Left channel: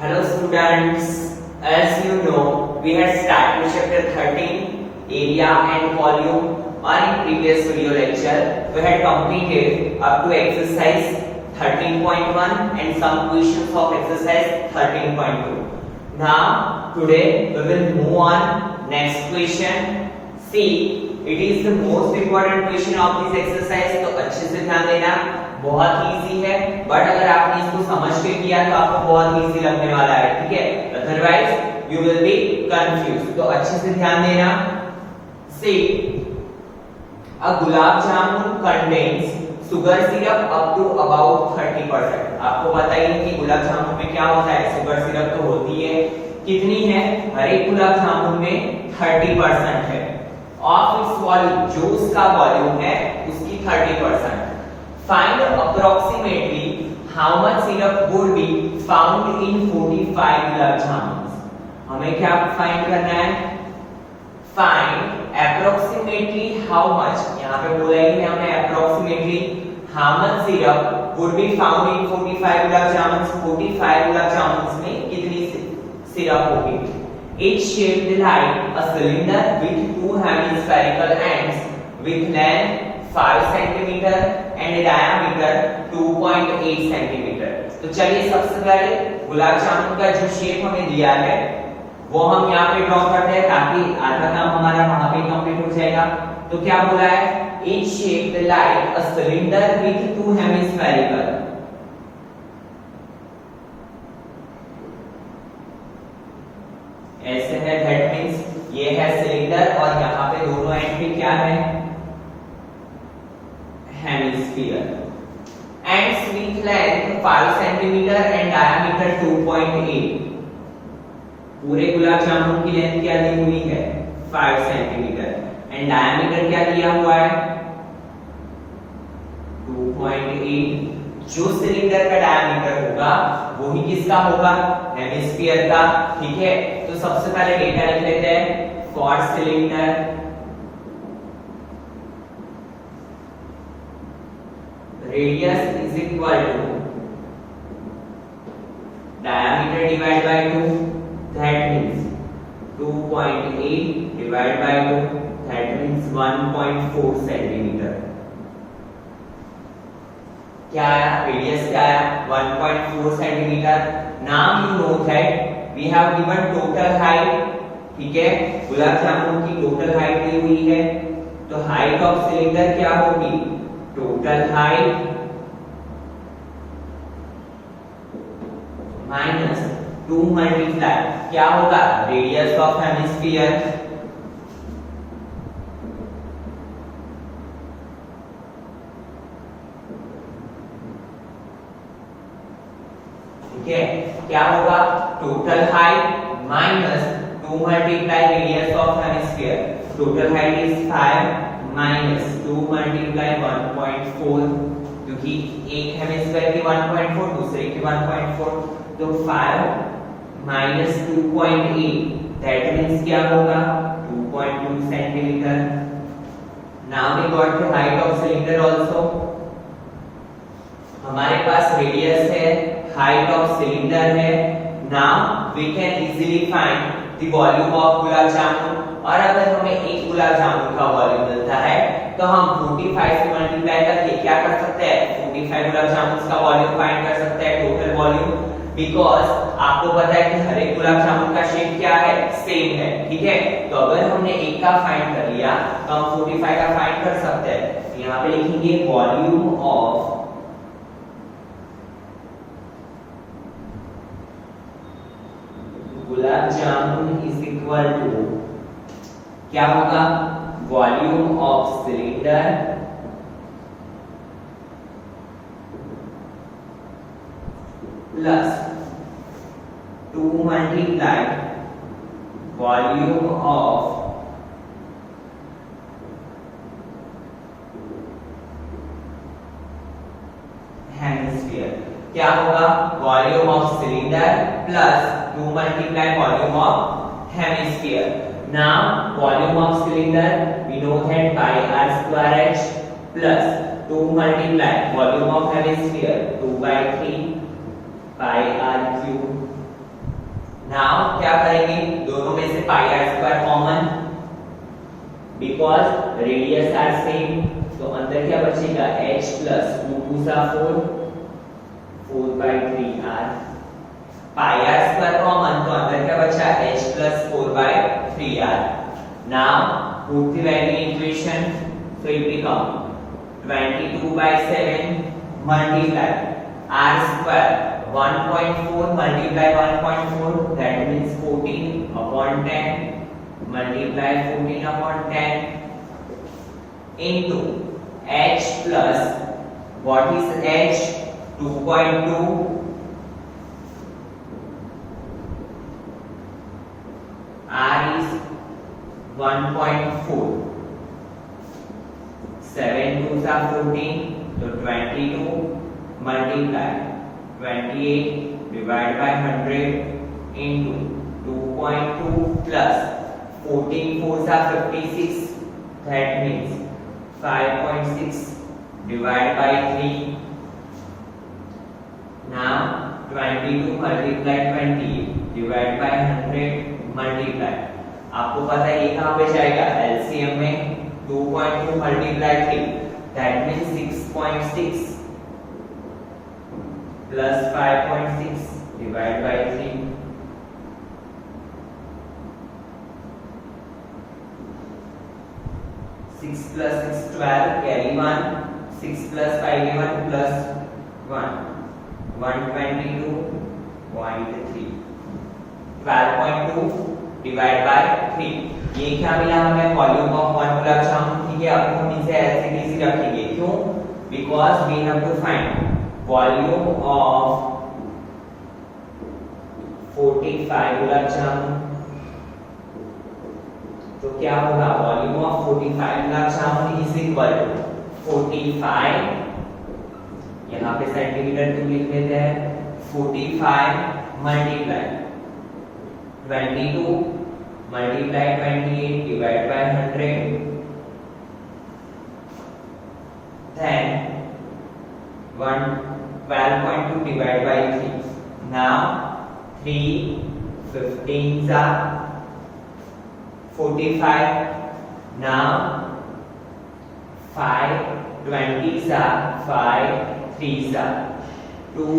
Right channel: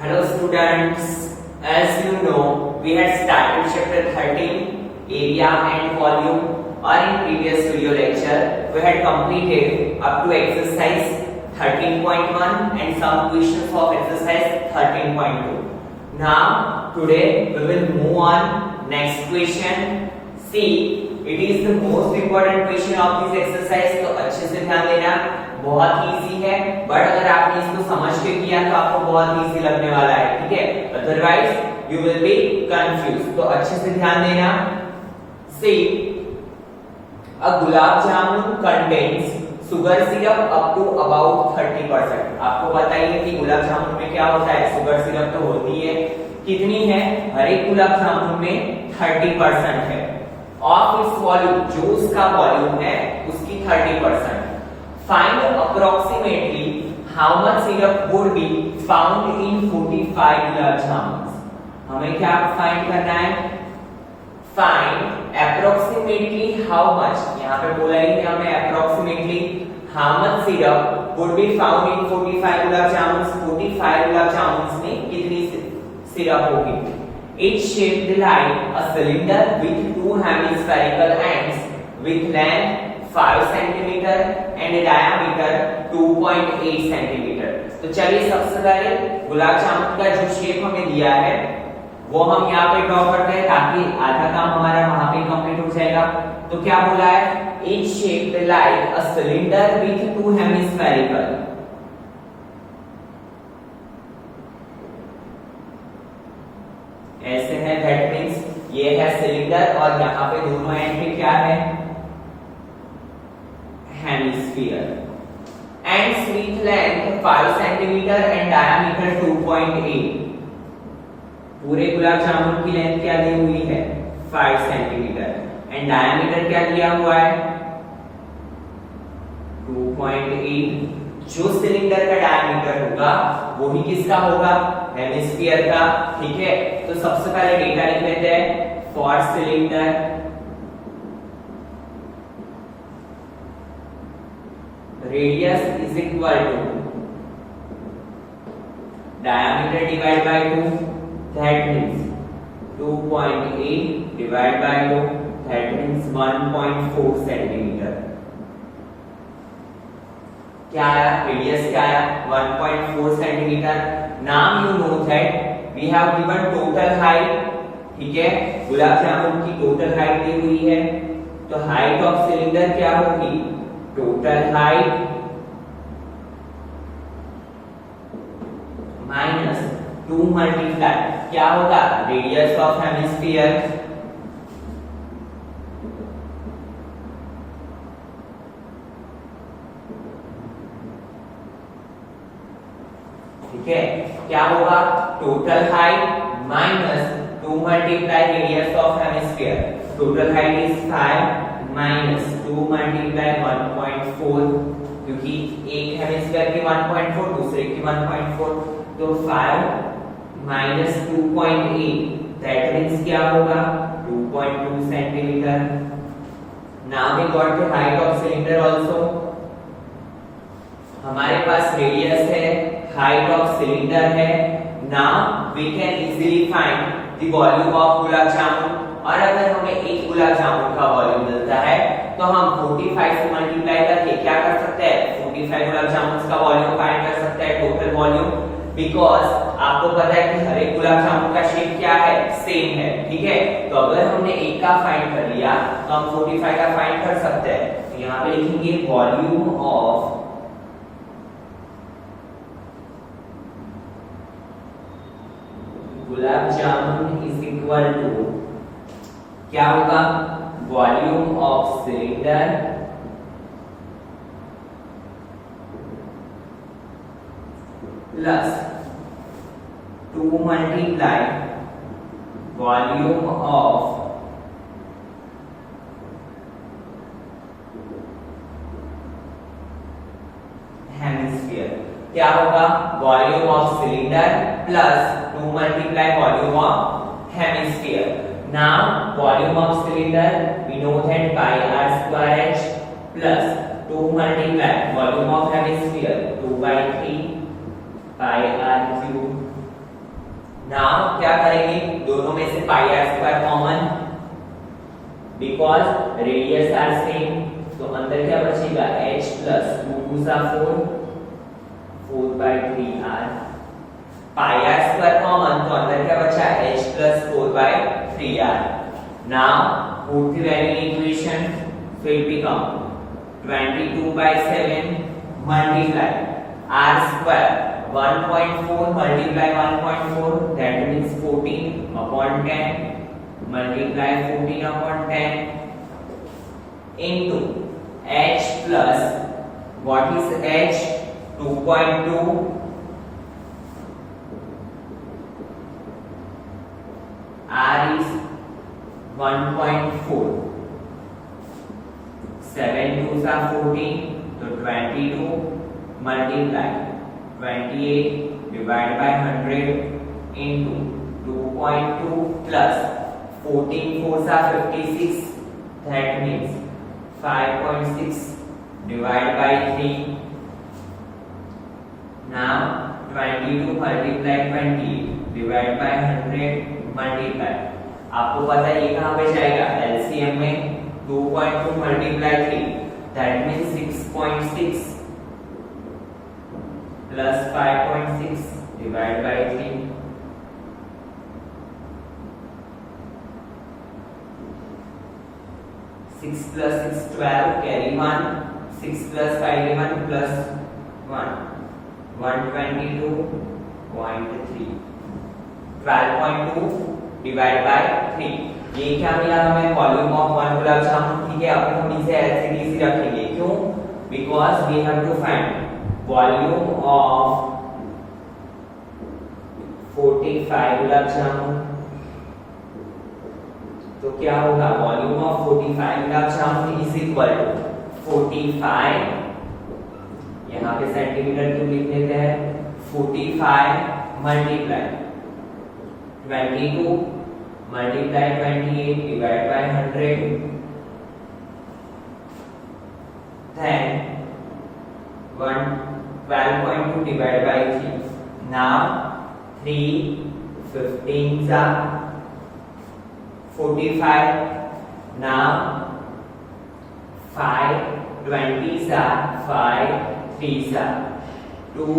Hello students, as you know, we had started chapter 13, area and volume, or in previous video lecture, we had completed up to exercise 13.1 and some questions of exercise 13.2. Now, today we will move on next question. See, it is the most important question of this exercise, तो अच्छे से ध्यान देना. बहुत easy है, but अगर आपने इसको समझ के किया तो आपको बहुत इजी लगने वाला है, ठीक है. Otherwise you will be confuse. तो अच्छे से ध्यान देना. See, a gulab jamun contains sugar syrup up to about 30%. आपको पता ही है कि गुलाब जामुन में क्या होता है, शुगर सिरप तो होती है. कितनी है? हर एक गुलाब जामुन में 30% है. ऑफ इट्स वॉल्यूम, जो उसका वॉल्यूम है उसकी 30%. Find approximately how much syrup would be found in 45 gulab jamuns. हमें क्या फाइंड करना है? Find approximately how much. यहाँ पे बोला ही है हमें approximately how much syrup would be found in 45 gulab jamuns. 45 gulab jamuns में कितनी सिरप होगी? It's shaped like a cylinder with two hemispherical ends with length 5 cm and diameter 2.8 cm. तो चलिए सबसे पहले गुलाब जामुन का जो शेप हमें दिया है वो हम यहाँ पे ड्रॉ करते हैं ताकि आधा काम हमारा वहां पे कंप्लीट हो जाएगा. तो क्या बोला है? It's shaped like a cylinder with two hemispherical. ऐसे है, that means ये है सिलेंडर और यहाँ पे दोनों एंड पे क्या है? Hemisphere. Ends with length 5 cm and diameter 2.8. पूरे गुलाब जामुन की लेंथ क्या दी हुई है? 5 cm एंड डायमीटर क्या दिया हुआ है? 2.8. जो सिलेंडर का डायमीटर होगा वही किसका होगा? हेमिस्फीयर का. ठीक है, तो सबसे पहले डेटा लिख लेते हैं. For cylinder radius is equal to diameter divided by 2, that means 2.8 divided by 2, that means 1.4 centimeter. क्या आया? रेडियस क्या आया? 1.4 centimeter. Now you know that we have given total height. ठीक है, गुलाब जामुन की टोटल हाइट दी हुई है, तो हाइट ऑफ सिलेंडर क्या होगी? टोटल हाइट माइनस 2 मल्टीप्लाई क्या होगा? Radius of hemisphere. ठीक है, क्या होगा? Total height minus 2 multiply radius of hemisphere. Total height is 5 minus 2 multiply 1.4, क्योंकि एक हेमिस्फीयर की 1.4 दूसरे की 1.4, तो 5 माइनस 2.8 दैट मींस क्या होगा? 2.2 centimetre. Now we got the height of cylinder also. हमारे पास रेडियस है, हाइट ऑफ सिलेंडर है. Now we can easily find the volume of gulab jamun. और अगर हमें एक गुलाब जामुन का वॉल्यूम मिलता है तो हम 45 से मल्टीप्लाई करके क्या कर सकते हैं? 45 गुलाब जामुन का वॉल्यूम फाइंड कर सकते हैं, टोटल वॉल्यूम. बिकॉज आपको पता है कि हर एक गुलाब जामुन का शेप क्या है? सेम है. ठीक है, तो अगर हमने एक का फाइंड कर लिया तो हम 45 का फाइंड कर सकते हैं. तो यहाँ पे लिखेंगे volume of gulab jamun is equal to क्या होगा? Volume of cylinder plus 2 multiply volume of hemisphere. क्या होगा? Volume of cylinder plus 2 multiply volume of hemisphere. Now volume of cylinder we know that pi r square h plus 2 multiply volume of hemisphere 2 by 3 pi r cube now क्या करेंगे, दोनों में से pi R square common, because radius are same, तो अंदर क्या बचेगा h plus 2 2 सा 4/3r, पाई आर स्क्वायर कॉमन, तो अंदर क्या बचा h plus 4/3r. Now put the value in equation, so it become 22/7 multiply r square 1.4 multiply 1.4, that means 14/10 multiply 14/10 into h plus, what is h, 2.2, r is 1.4, 7 2s are 14, so 22 multiply 28 divided by 100 into 2.2 plus 14 4s are 56, that means 5.6 divided by 3. Now 22 multiply 28 divided by 100 multiply, आपको पता है ये कहाँ पे जाएगा, LCM में 2.2 multiply 3, that means 6.6 plus 5.6 divided by 3. 6 plus 6 12, carry 1, 6 plus 5 11 plus 1, 122.3, 12.2 divided by 3. ये क्या मिला हमें, वॉल्यूम ऑफ 1 गुलाब जामुन. ठीक है, अब हम इसे एलसीडीसी रखेंगे, क्यों, because we have to find volume of 45 gulab jamun. तो क्या होगा, volume of 45 gulab jamun is equal to 45, यहाँ पे सेंटीमीटर क्यूब लिख देते हैं, 45 multiply 22 multiply 28 divide by 100, then 12.2 divided by 3. Now 3 15s are 45. Now 5 20s are 5 3s are 2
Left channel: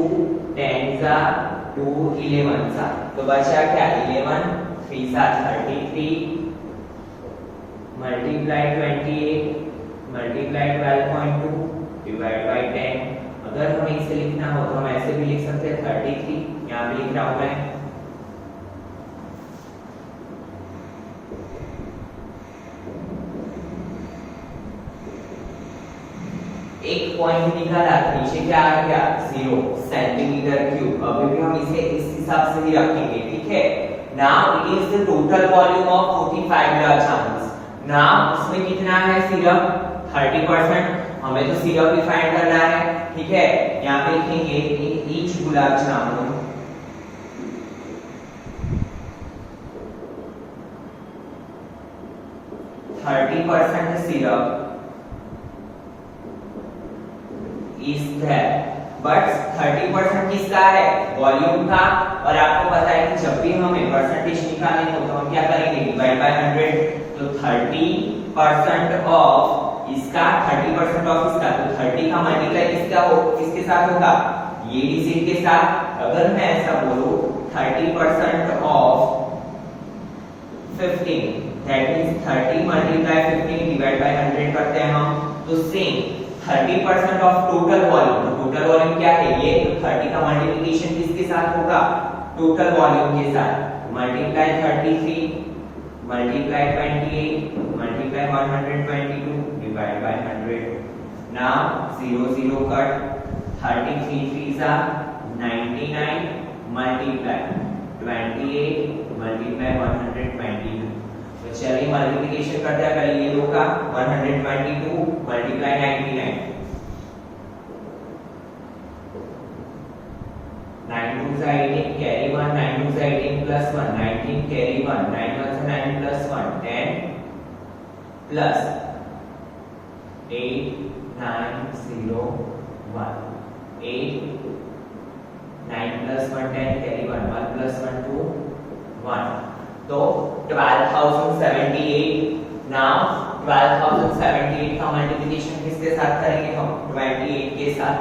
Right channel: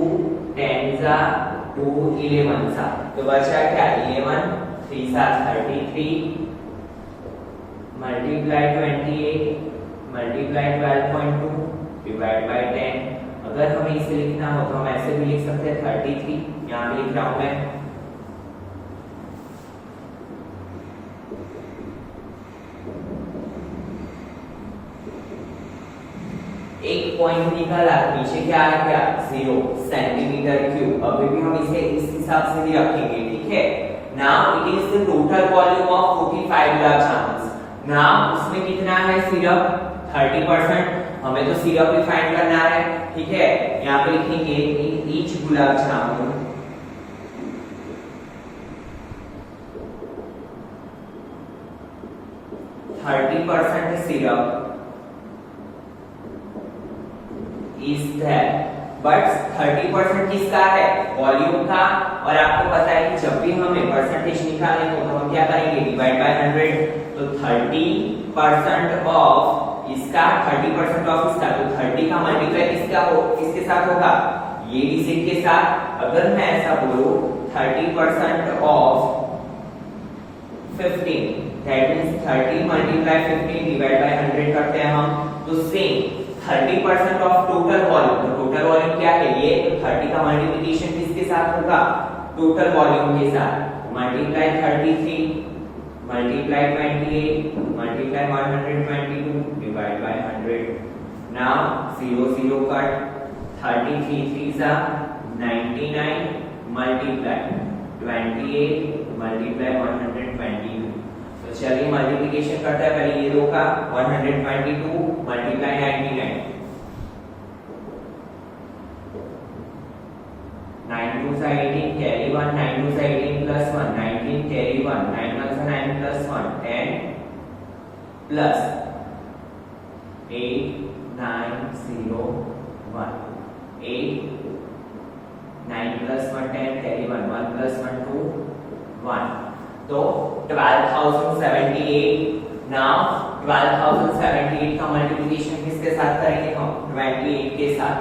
10s are 2 11s are. तो बचा क्या, 11 3 7 33 multiply 28 multiply 12.2 divide by 10. अगर हमें इसे लिखना हो तो हम ऐसे भी लिख सकते हैं 33, यहाँ पे लिख रहा हूं मैं. एक पॉइंट निकाला, नीचे क्या है, क्या 0 सेंटीमीटर क्यूब. अभी भी हम इसे इस हिसाब से ही रखेंगे. ठीक है, now it is the total volume of 45 gulab jamuns. now उसमें कितना है, सिरप 30%, हमें तो सिरप ही फाइंड करना है. ठीक है, यहाँ पे लिखेंगे each gulab jamun %30 syrup is there. But 30% किसका है, वॉल्यूम का. और आपको पता है कि जब भी हमें परसेंटेज निकालने हो तो हम क्या करेंगे, डिवाइड बाय 100. तो 30% ऑफ इसका, 30% ऑफ इसका, तो 30 का मल्टीप्लाई किसके साथ होगा, ये डिजिट के साथ. अगर मैं ऐसा बोलूं 30% of 15, that means 30 multiply 15 divide by 100 करते हैं हम. तो सेम 30% ऑफ टोटल वॉल्यूम. तो टोटल वॉल्यूम क्या है, ये 30 का मल्टीप्लिकेशन किसके साथ होगा, टोटल वॉल्यूम के साथ. Multiply 33 multiply 28 multiply 122 divide by 100. Now 0 0 cut, 33 3s are 99 multiply 28 multiply 122. तो चलिए मल्टीप्लिकेशन करते हैं पहले ये दो का. 122 multiply 99, 9 2s are 18, carry 1, 9 2s are 18 plus 1, 19 carry 1, 9 1s are 9 plus 1, 10 plus 8 9 0 1, 8 9 plus 1 10 carry 1, 1 plus 1 2, 1. तो 12,078. नाउ 12,078 का मल्टीप्लिकेशन किसके साथ करेंगे हम? 28 के साथ.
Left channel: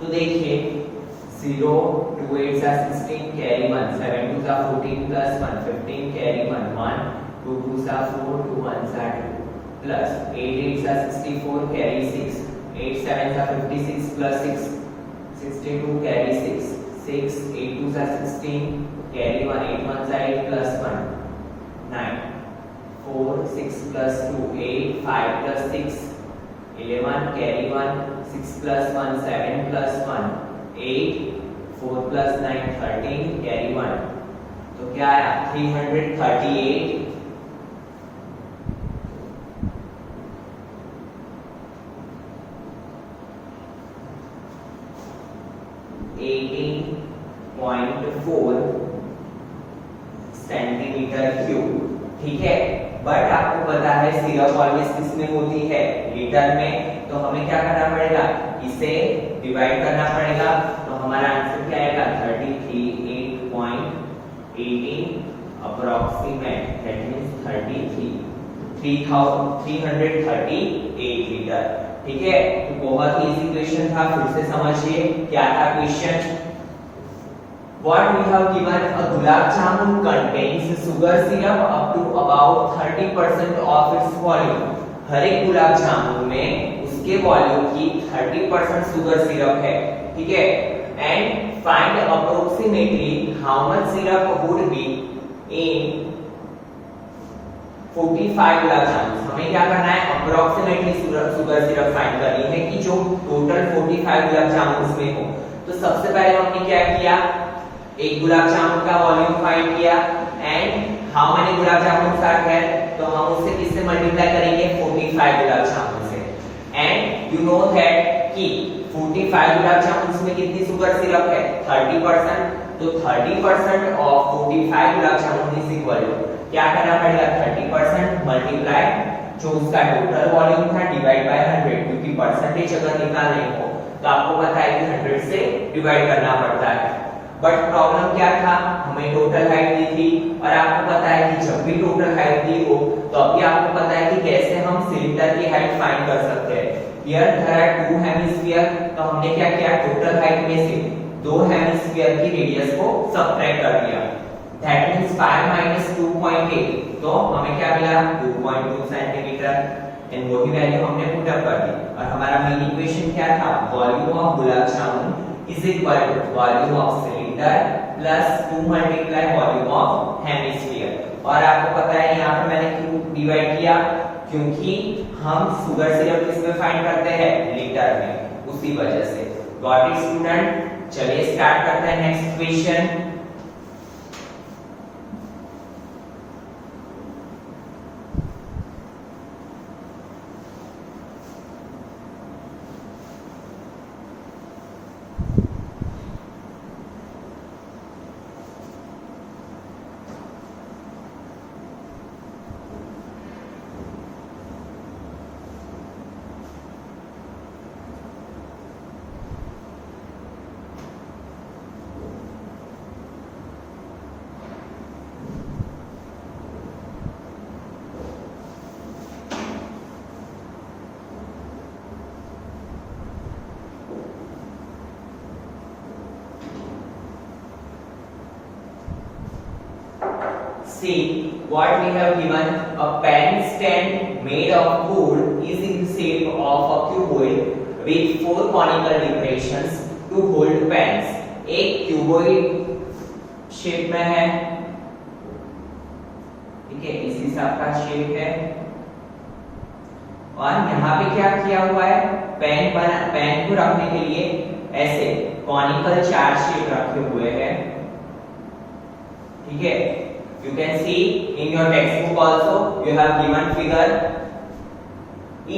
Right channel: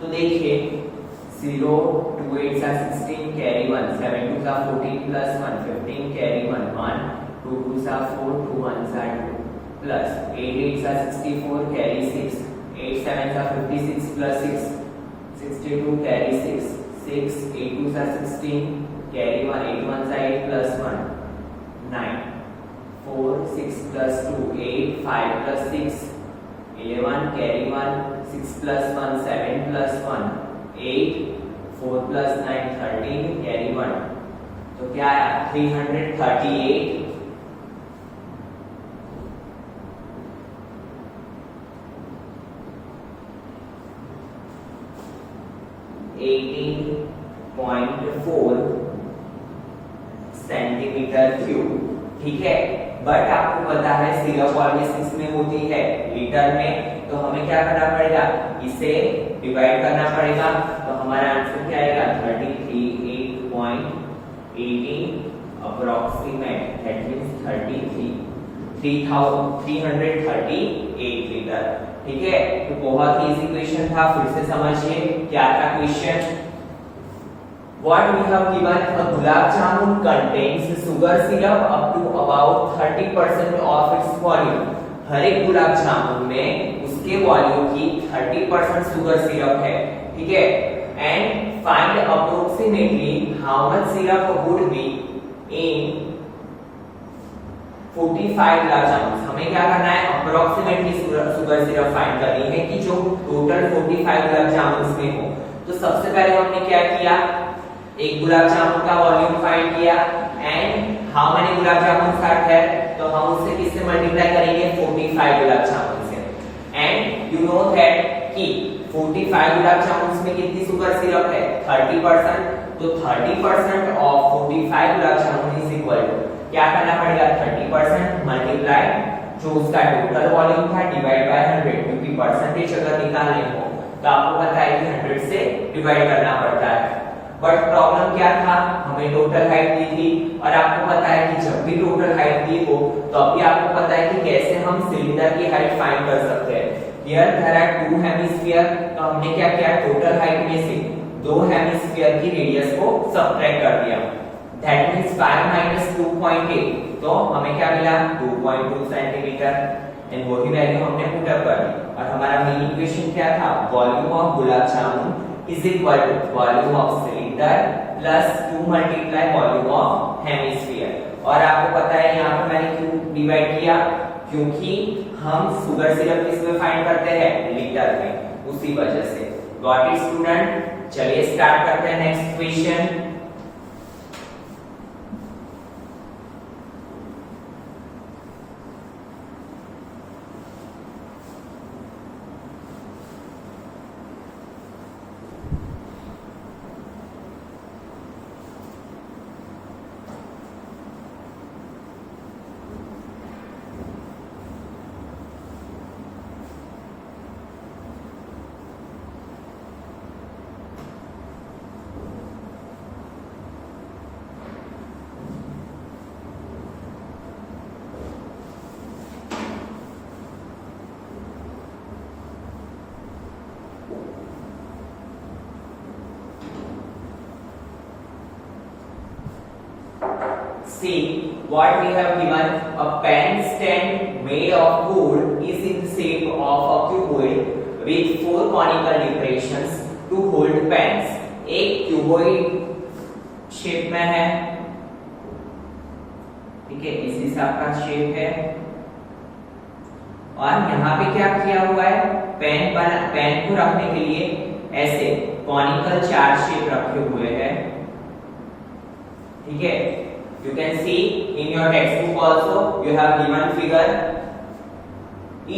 तो देखिए 0 2 8 16 carry 1 7 2 14 plus 1 15 carry 1 1 2 2 4 2 1 2 plus 8 8 64 carry 6 8 7 56 plus 6 62 carry 6 6 8 2 16 carry 1 8 1 8 plus 1 9 4 6 plus 2 8 5 plus 6 11 carry 1 6 plus 1 7 plus 1 8 4 plus 9 13 carry 1. तो क्या आया? 338. 18.4 सेंटीमीटर क्यूब. ठीक है, बट आपको पता है सिरप ऑलवेज किसमें होती है? लीटर में. तो हमें क्या करना पड़ेगा? इसे डिवाइड करना पड़ेगा. तो हमारा आंसर क्या आएगा? 38.18 अप्रोक्सीमेट. That means 338 litre. ठीक है, तो बहुत ही इजी क्वेश्चन था. फिर से समझिए क्या था question. What we have given, a gulab jamun contains sugar syrup up to about 30% of its volume. हर एक गुलाब जामुन में उसके वॉल्यूम की 30% शुगर सिरप है. ठीक है, and find approximately how much syrup would be in 45 gulab जामुन. हमें क्या करना है? अप्रोक्सीमेटली शुगर सिरप फाइंड करनी है कि जो टोटल 45 गुलाब जामुन में हो. तो सबसे पहले हमने क्या किया? एक गुलाब जामुन का वॉल्यूम फाइंड किया and how many gulab jamun है, तो हम उससे किससे मल्टीप्लाई करेंगे? 45 गुलाब जामुन से. एंड यू नो दैट कि 45 गुलाब जामुन में कितनी शुगर सिरप है? 30%. तो 30% of 45 gulab jamun is equal to क्या करना पड़ेगा? 30% मल्टीप्लाई जो उसका टोटल वॉल्यूम था डिवाइड बाय 100, क्योंकि परसेंटेज अगर निकालने हो तो आपको पता है कि 100 से डिवाइड करना पड़ता है. बट प्रॉब्लम क्या था? हमें टोटल हाइट दी थी और आपको पता है कि जब भी टोटल हाइट दी हो तो अभी आपको पता है कि कैसे हम सिलेंडर की हाइट फाइंड कर सकते हैं. Here there are two hemisphere. तो हमने क्या किया? टोटल हाइट में से दो हेमिस्फीयर की रेडियस को सब्ट्रैक्ट कर दिया. That means 5 - 2.8. तो हमें क्या मिला? 2.2 सेंटीमीटर. एंड वही वैल्यू हमने पुट अप कर दी. और हमारा मेन इक्वेशन क्या था? Volume of gulab jamun is equal to volume of cylinder plus 2 multiply volume of hemisphere. और आपको पता है यहाँ पे मैंने क्यों डिवाइड किया? क्योंकि हम शुगर सिरप किसमें फाइंड करते हैं? लीटर में. उसी वजह से. Got it student? चलिए स्टार्ट करते हैं next question. See what we have given. A pen stand made of wood is in the shape of a cuboid with 4 conical depressions to hold pens. एक cuboid shape में है. ठीक है, इस हिसाब का शेप है. और यहाँ पे क्या किया हुआ है? पेन को रखने के लिए ऐसे कॉनिकल 4 शेप रखे हुए हैं. ठीक है, you can see in your textbook also you have given figure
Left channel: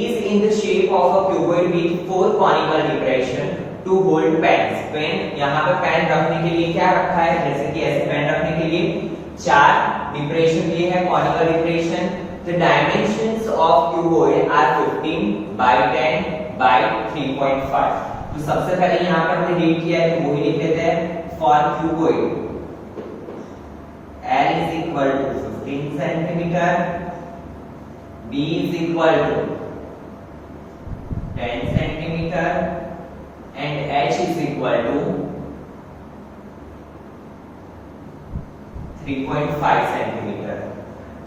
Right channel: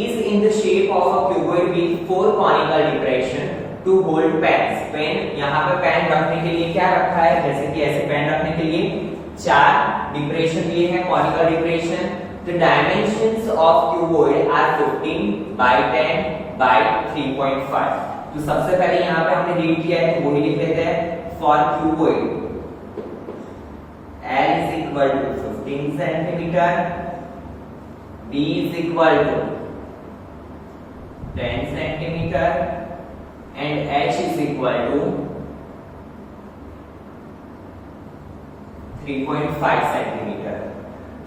is in the shape of a cuboid with 4 conical depression to hold pens. Pen, यहाँ पे पेन रखने के लिए क्या रखा है? जैसे कि ऐसे पेन रखने के लिए 4 डिप्रेशन लिए हैं, conical depression. The dimensions of cuboid are 15 by 10 by 3.5. तो सबसे पहले यहाँ पे हमने रीड किया है तो वही लिख लेते हैं for cuboid L is equal to 15 centimeter, B is equal to 10 centimeter, and H is equal to 3.5 centimeter.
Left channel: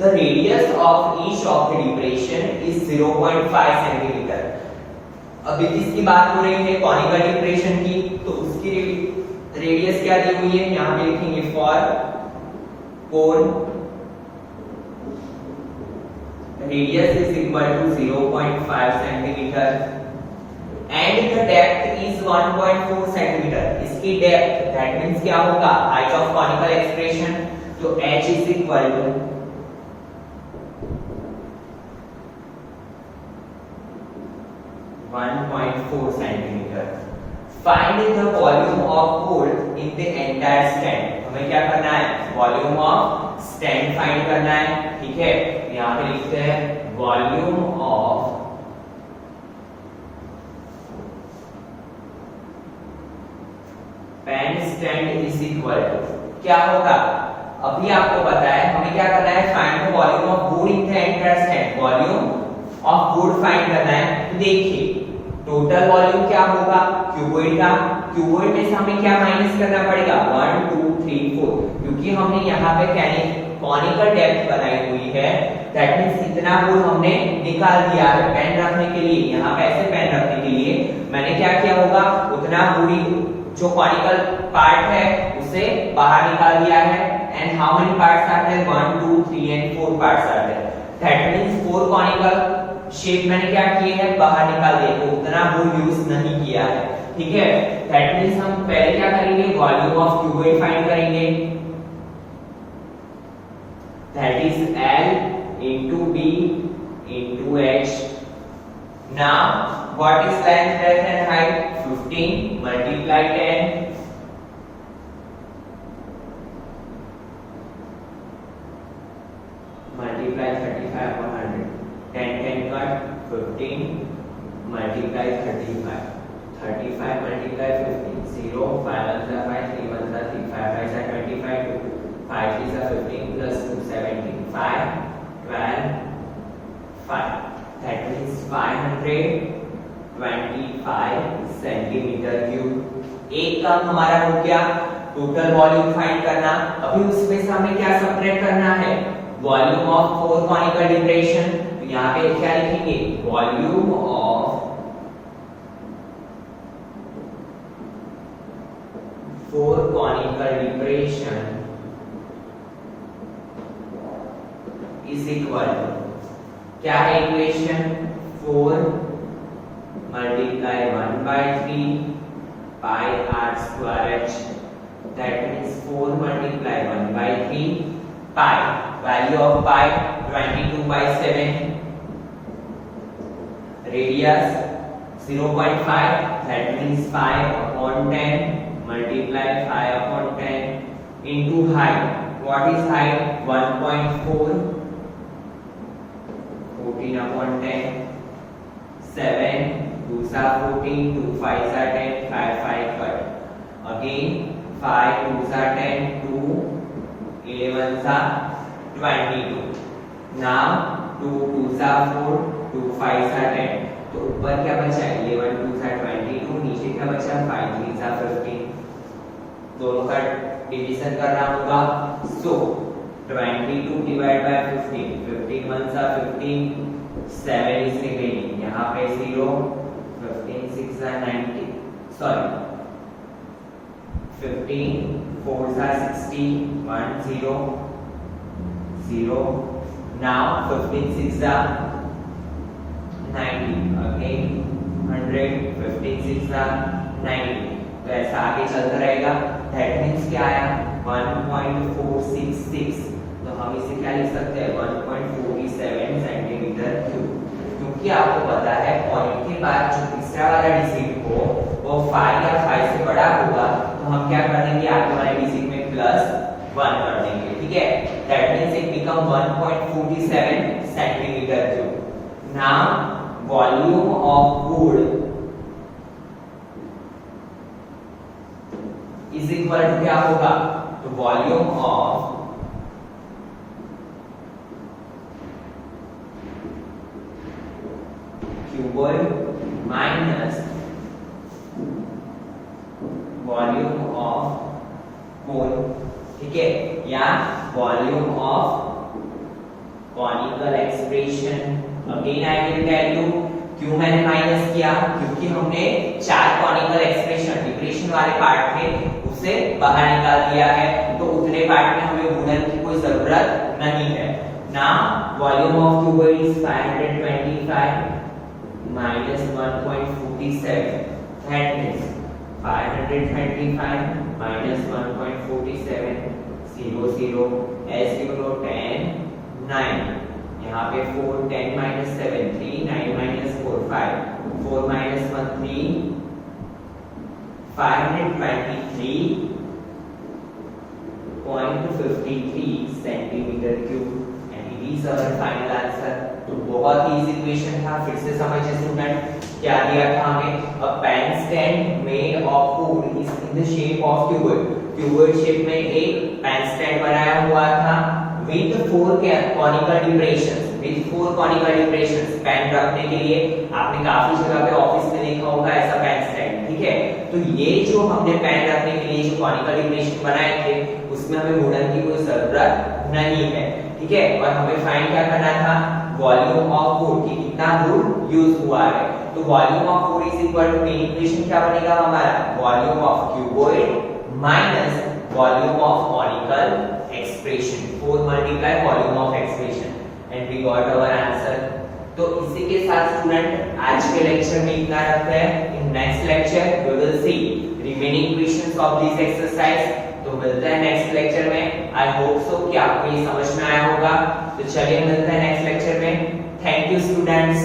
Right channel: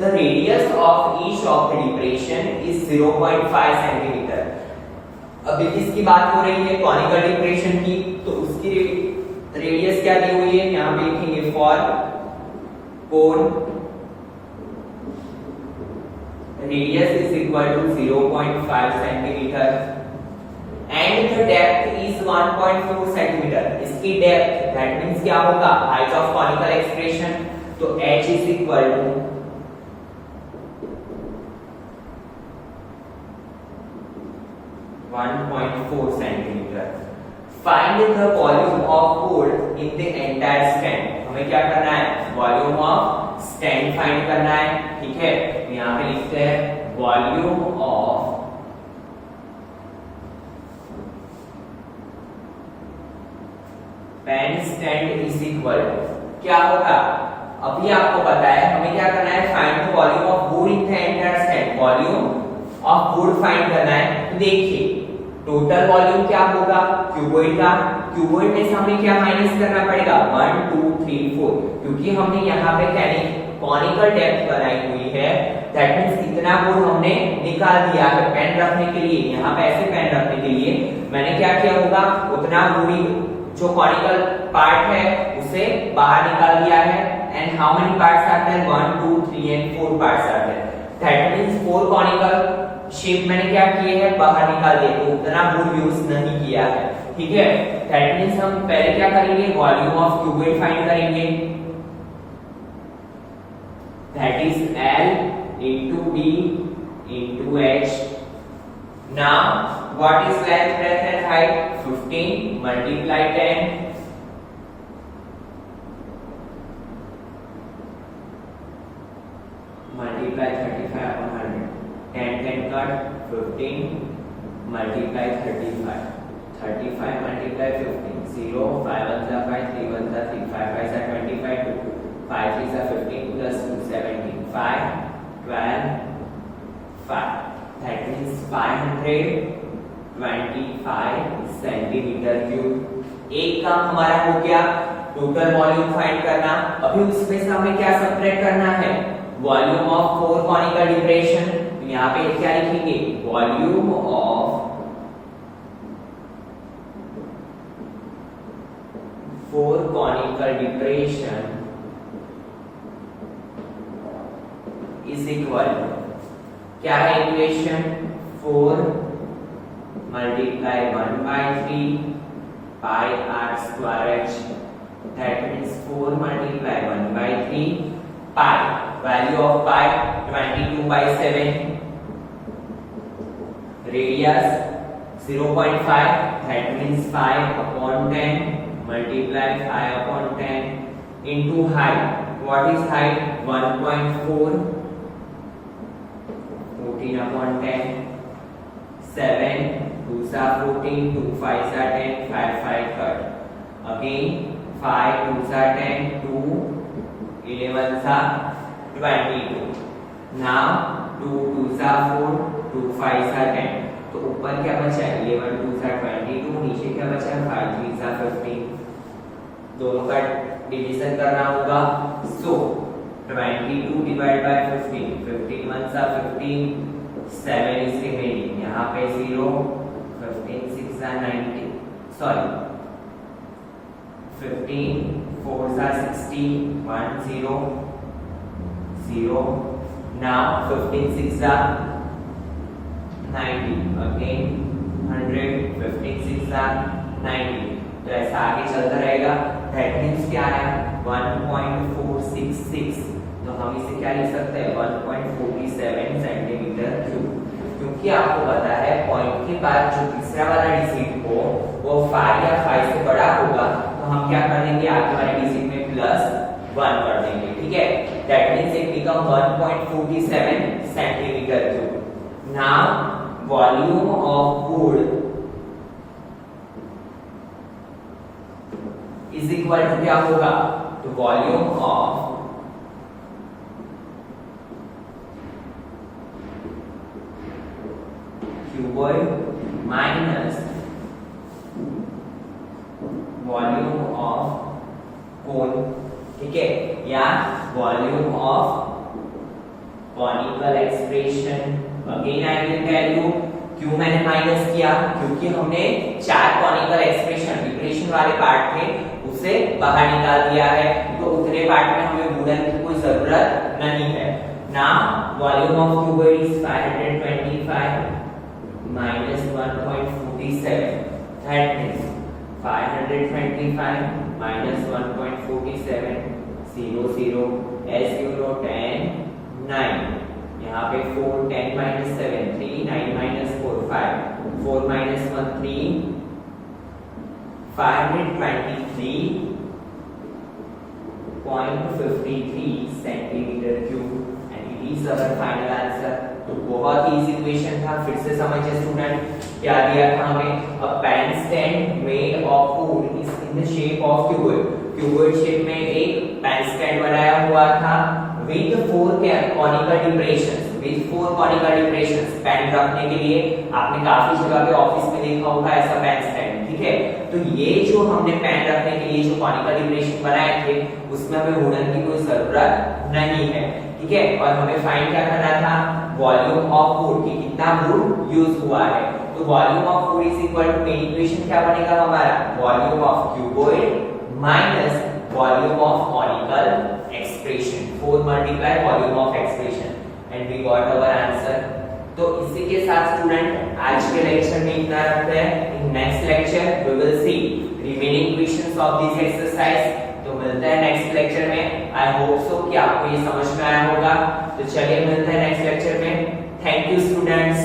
The radius of each of the depression is 0.5 centimeter. अभी किसकी बात हो रही है? कॉनिकल डिप्रेशन की। तो उसकी रेडियस क्या दी हुई है? यहाँ पे लिखेंगे for cone radius is equal to 0.5 centimetre and the depth is 1.4 centimetre. इसकी डेप्थ दैट मींस क्या होगा? Height of conical expression. तो h is equal to 1.4 centimeter. Find the volume of wood in the entire stand. हमें क्या करना है? Volume of stand find करना है। ठीक है, यहाँ पे लिखते हैं volume of pen stand is equal क्या होगा? अभी आपको पता है हमें क्या करना है? Find the volume of would in the entire stand. Volume of would find करना है। तो देखिए टोटल वॉल्यूम क्या होगा क्यूबॉइड का? क्यूबॉइड में से हमें क्या माइनस करना पड़ेगा? 1 2 3 4, क्योंकि हमने यहाँ पे कॉनिकल डेप्थ बनाई हुई है। दैट मींस इतना वुड हमने निकाल दिया है पेन रखने के लिए। यहाँ पे ऐसे पेन रखने के लिए मैंने क्या किया होगा? उतना वुड जो कॉनिकल पार्ट है उसे बाहर निकाल दिया है। And how many parts are there? 1 2 3 and 4 parts are there. That means 4 conical shape मैंने क्या किए हैं? बाहर निकाल दिए। तो उतना वुड यूज नहीं किया है। ठीक है, दैट मींस हम पहले क्या करेंगे? वॉल्यूम ऑफ क्यूबॉइड फाइंड करेंगे। That is L into B into H. Now what is length, breadth and height? 15 multiply 10 multiply 35 upon 100. 10 10 cut 15 multiply 35 35 multiply 15 0 5 1 5 3 1 3 5 5 25 5 3 15 plus 2 17 5 12 5 that means 525 centimetre cube. एक काम हमारा हो गया टोटल वॉल्यूम फाइंड करना। अभी उसमें से हमें क्या सबट्रैक्ट करना है? Volume of 4 conical depression. यहाँ पे क्या लिखेंगे? Volume of 4 conical depression is equal क्या है equation? 4 multiply 1/3 pi r square h. That means 4 multiply 1/3 pi. Value of pi 22/7. Radius 0.5. That means 5 upon 10 multiply 5 upon 10 into height. What is height? 1.4. 14 upon 10. 7 2s are 14, 2 5s are 10, 5 5 cut. Again 5 2s are 10, 2 11s are 22. Now 2 2s are 4, 2 5s are 10. तो ऊपर क्या बचा? 11 2s are 22, नीचे क्या बचा? 5 3s are 15. दोनों का division करना होगा। So 22 divided by 15, 15 1s are 15, 7 is remaining. यहाँ पे 0, 15 6 are 90. Sorry, 15 4s are 60, 1 0 0. Now 15 6s are 90. Again 100, 15 6s are 90. तो ऐसा आगे चलता रहेगा। That means क्या आया? 1.466। तो हम इसे क्या लिख सकते हैं? 1.47 सेंटीमीटर क्यूब। क्योंकि आपको पता है पॉइंट के बाद जो तीसरा वाला डिजिट हो वो 5 या 5 से बड़ा होगा, तो हम क्या कर देंगे? आगे वाले डिजिट में +1 कर देंगे। ठीक है, that means it become 1.47 centimeter cube. Now volume of wood is equal to क्या होगा, तो volume of cuboid minus volume of cone, ठीक है, या volume of conical expression. Again I will tell you क्यों मैंने माइनस किया, क्योंकि हमने चार कॉनिकल एक्सप्रेशन डिप्रेशन वाले पार्ट थे उसे बाहर निकाल दिया है, तो उतने पार्ट में हमें वुडन की कोई जरूरत नहीं है. Now volume of cuboid is 525 minus 1.47, that means 525 minus 1.47 0 0, as you know 10 9, यहाँ पे 4 10 minus 7 3 9 minus 4 5 4 minus 1 3, 523.53 centimeter cube, and it is our final answer. तो बहुत ही इजी इक्वेशन था, फिर से समझिए स्टूडेंट. क्या दिया था हमें, a pen stand made of wood is in the shape of cuboid. Cuboid shape में एक पेन स्टैंड बनाया हुआ था विद 4 कॉनिकल डिप्रेशंस, पेन रखने के लिए. आपने काफी जगह पे ऑफिस में देखा होगा ऐसा पेन स्टैंड, ठीक है. तो ये जो हमने पेन रखने के लिए जो कॉनिकल डिप्रेशन बनाए थे उसमें हमें वुडन की कोई जरूरत नहीं है, ठीक है. और हमें फाइंड क्या करना था, वॉल्यूम ऑफ वुड कि कितना वुड यूज हुआ है. तो volume of wood is equal to main equation क्या बनेगा हमारा, volume of cuboid minus volume of conical expression, 4 multiply volume of expression, and we got our answer. तो इसी के साथ स्टूडेंट आज के लेक्चर में इतना रखते हैं. In next lecture we will see remaining questions of this exercise. तो मिलते हैं नेक्स्ट लेक्चर में. आई होप सो कि आपको ये समझ में आया होगा. तो चलिए मिलते हैं नेक्स्ट लेक्चर में. Thank you students.